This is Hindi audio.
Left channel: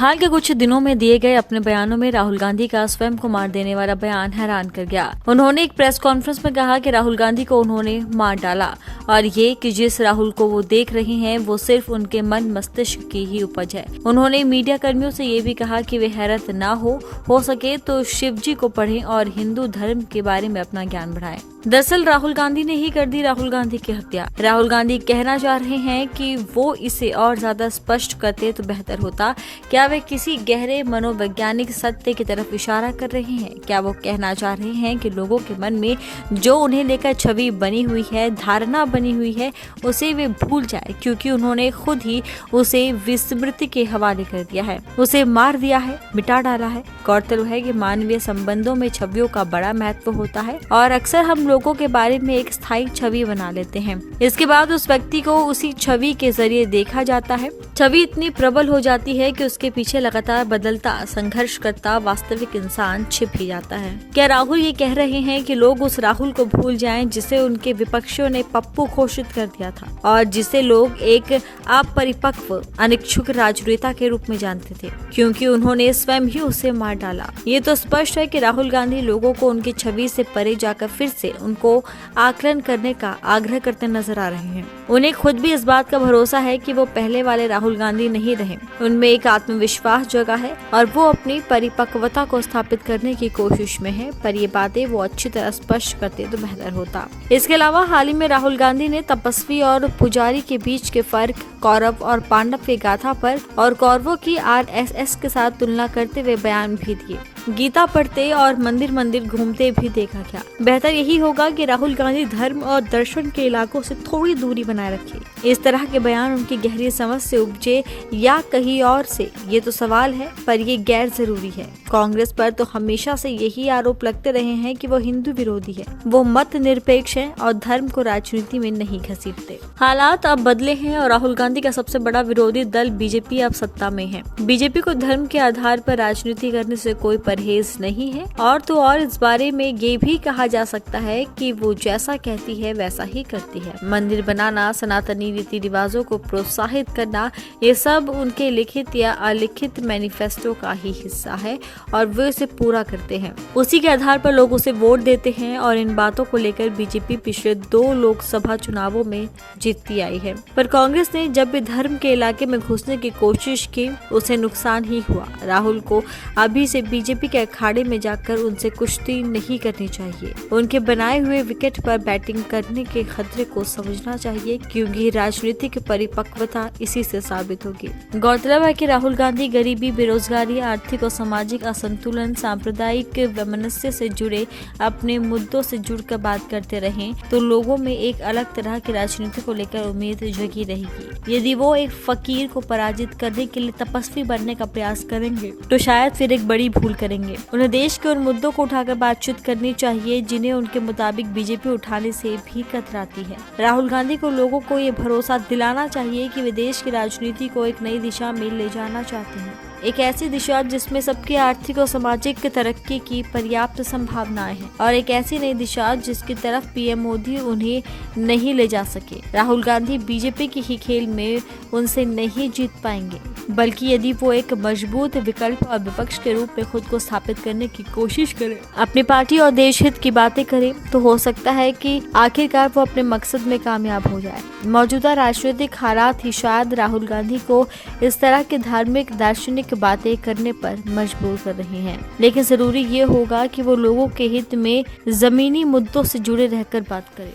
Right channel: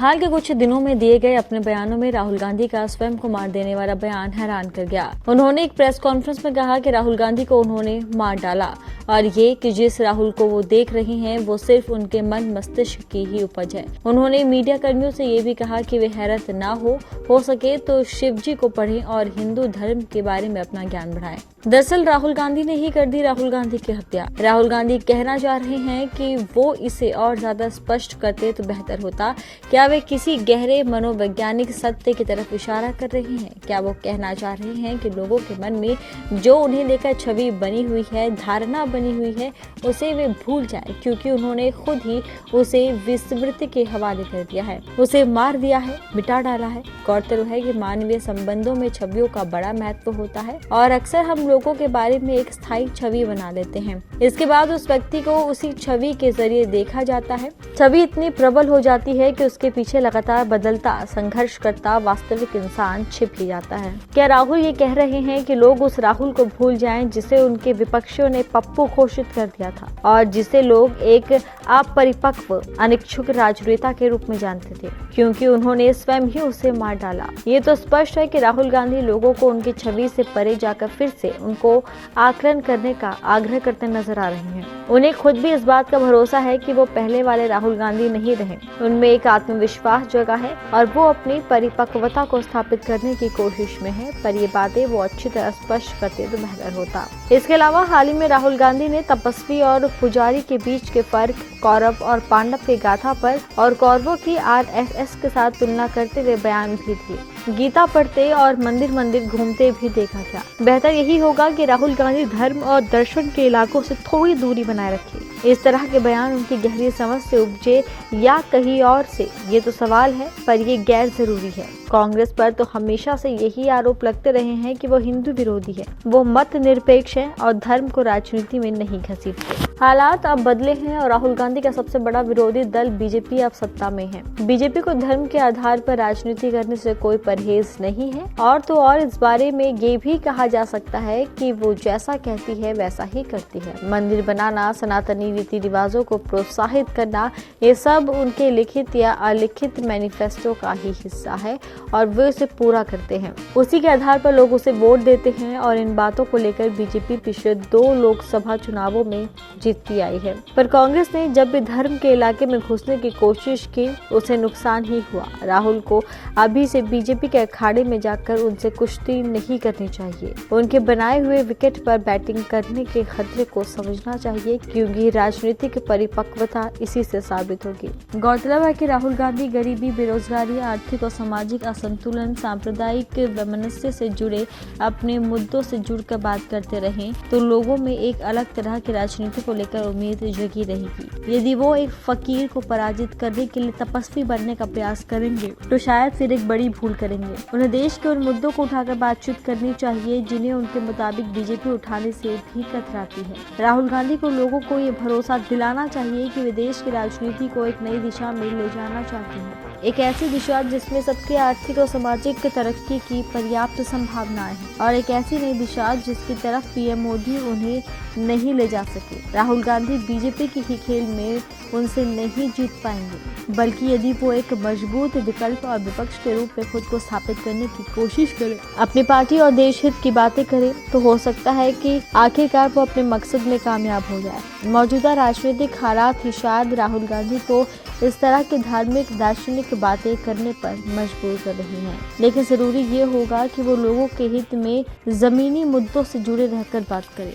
हाल के कुछ दिनों में दिए गए अपने बयानों में राहुल गांधी का स्वयं को मार देने वाला बयान हैरान कर गया। उन्होंने एक प्रेस कॉन्फ्रेंस में कहा कि राहुल गांधी को उन्होंने मार डाला और ये कि जिस राहुल को वो देख रहे हैं वो सिर्फ उनके मन मस्तिष्क की ही उपज है। उन्होंने मीडिया कर्मियों से ये भी कहा कि वे हैरत ना हो सके तो शिव जी को पढ़ें और हिंदू धर्म के बारे में अपना ज्ञान बढ़ाएं। दरअसल राहुल गांधी ने ही कर दी राहुल गांधी की हत्या। राहुल गांधी कहना चाह रहे हैं कि वो इसे और ज्यादा स्पष्ट करते तो बेहतर होता। क्या वे किसी गहरे मनोवैज्ञानिक सत्य की तरफ इशारा कर रहे हैं? क्या वो कहना चाह रहे हैं कि लोगों के मन में जो उन्हें लेकर छवि बनी हुई है, धारणा बनी हुई है, उसे वे भूल जाए क्योंकि उन्होंने खुद ही उसे विस्मृति के हवाले कर दिया है, उसे मार दिया है, मिटा डाला है। गौरतलब है कि मानवीय संबंधों में छवियों का बड़ा महत्व होता है और अक्सर हम लोगों के बारे में एक स्थायी छवि बना लेते हैं। इसके बाद उस व्यक्ति को उसी छवि के जरिए देखा जाता है। छवि इतनी प्रबल हो जाती है कि उसके पीछे लगातार बदलता, संघर्ष करता वास्तविक इंसान छिप ही जाता है। क्या राहुल ये कह रहे हैं कि लोग उस राहुल को भूल जाएं जिसे उनके विपक्षियों ने पप्पू घोषित कर दिया था और जिसे लोग एक अपरिपक्व, अनिच्छुक राजनेता के रूप में जानते थे क्योंकि उन्होंने स्वयं ही उसे मार डाला? ये तो स्पष्ट है कि राहुल गांधी लोगों को उनकी छवि से परे जाकर फिर से उनको आकलन करने का आग्रह करते नजर आ रहे हैं। उन्हें खुद भी इस बात का भरोसा है कि वो पहले वाले राहुल गांधी नहीं रहे। उनमें एक आत्मविश्वास जगा है और वो अपनी परिपक्वता को स्थापित करने की कोशिश में है, पर ये बातें वो अच्छी तरह स्पष्ट करते तो बेहतर होता। इसके अलावा हाल ही में राहुल गांधी ने तपस्वी और पुजारी के बीच के फर्क, कौरव और पांडव की गाथा पर और कौरवों की आरएसएस के साथ तुलना करते हुए बयान भी दिए। गीता पढ़ते और मंदिर मंदिर घूमते भी देखा गया। बेहतर यही होगा कि राहुल गांधी धर्म और दर्शन के इलाकों से थोड़ी दूरी बनाए रखें। इस तरह के बयान उनकी गहरी समझ से उपजे या कहीं और से, ये तो सवाल है, पर ये गैर जरूरी है। कांग्रेस पर तो हमेशा से यही आरोप लगते रहे हैं कि वो हिंदू विरोधी है, वो मत निरपेक्ष है और धर्म को राजनीति में नहीं घसीटते। हालात अब बदले हैं और राहुल गांधी का सबसे बड़ा विरोधी दल बीजेपी अब सत्ता में है। बीजेपी को धर्म के आधार पर राजनीति करने से कोई परहेज नहीं है और तो और इस बारे में ये भी कहा जा सकता है कि वो जैसा कहती है वैसा ही करती है। मंदिर बनाना, सनातनी रीति रिवाजों को प्रोत्साहित करना, ये सब उनके लिखित या अलिखित मैनिफेस्टो का ही हिस्सा है और वे इसे पूरा करते हैं। उसी के आधार पर लोग उसे वोट देते हैं और इन बातों को लेकर बीजेपी पिछले 2 लोकसभा चुनावों में जीतती आई है। पर कांग्रेस ने जब भी धर्म के इलाके में घुसने की कोशिश की उसे नुकसान ही हुआ। राहुल को अभी से बीजेपी के अखाड़े में जाकर उनसे कुश्ती नहीं करनी चाहिए। उनके बनाए हुए विकेट पर बैटिंग करने के खतरे को समझना चाहिए क्योंकि राजनीतिक परिपक्वता इसी से साबित होगी। गौरतलब है कि राहुल गांधी गरीबी, बेरोजगारी, आर्थिक और सामाजिक असंतुलन, सांप्रदायिक वैमनस्य से जुड़े अपने मुद्दों से जुड़कर बात करते रहे तो लोगों में एक अलग तरह की राजनीति को लेकर उम्मीद जगी रहेगी। यदि वो एक फकीर को पराजित करने के लिए तपस्वी बनने का प्रयास करेंगे तो शायद फिर एक बड़ी भूल करेंगे। उन्हें देश के उन मुद्दों को उठाकर बातचीत करनी चाहिए जिन्हें उनके मुताबिक बीजेपी उठाने से भी कतराती है। राहुल गांधी को लोगों को ये भरोसा दिलाना चाहिए कि वे देश की राजनीति को एक नई दिशा में ले जाना चाहते हैं, एक ऐसी दिशा जिसमें सबकी आर्थिक और सामाजिक तरक्की की पर्याप्त संभावनाएं हैं और एक ऐसी नई दिशा जिसकी तरफ पीएम मोदी उन्हें नहीं ले जा सके। राहुल गांधी बीजेपी के ही खेल में उनसे नहीं जीत पाएंगे, बल्कि यदि वो एक मजबूत विकल्प और विपक्ष के रूप में खुद को स्थापित करने की कोशिश करें, अपनी पार्टी और देश हित की बातें करें, तो हो सकता है कि आखिरकार वो अपने मकसद में कामयाब हो जाए। मौजूदा राजनीतिक हालात ही शायद राहुल गांधी को इस तरह के धार्मिक, दार्शनिक बातें करने पर मजबूर कर रही हैं। लेकिन जरूरी ये होगा कि वो लोगों के हित में जमीनी मुद्दों से जुड़े रहकर बात करें।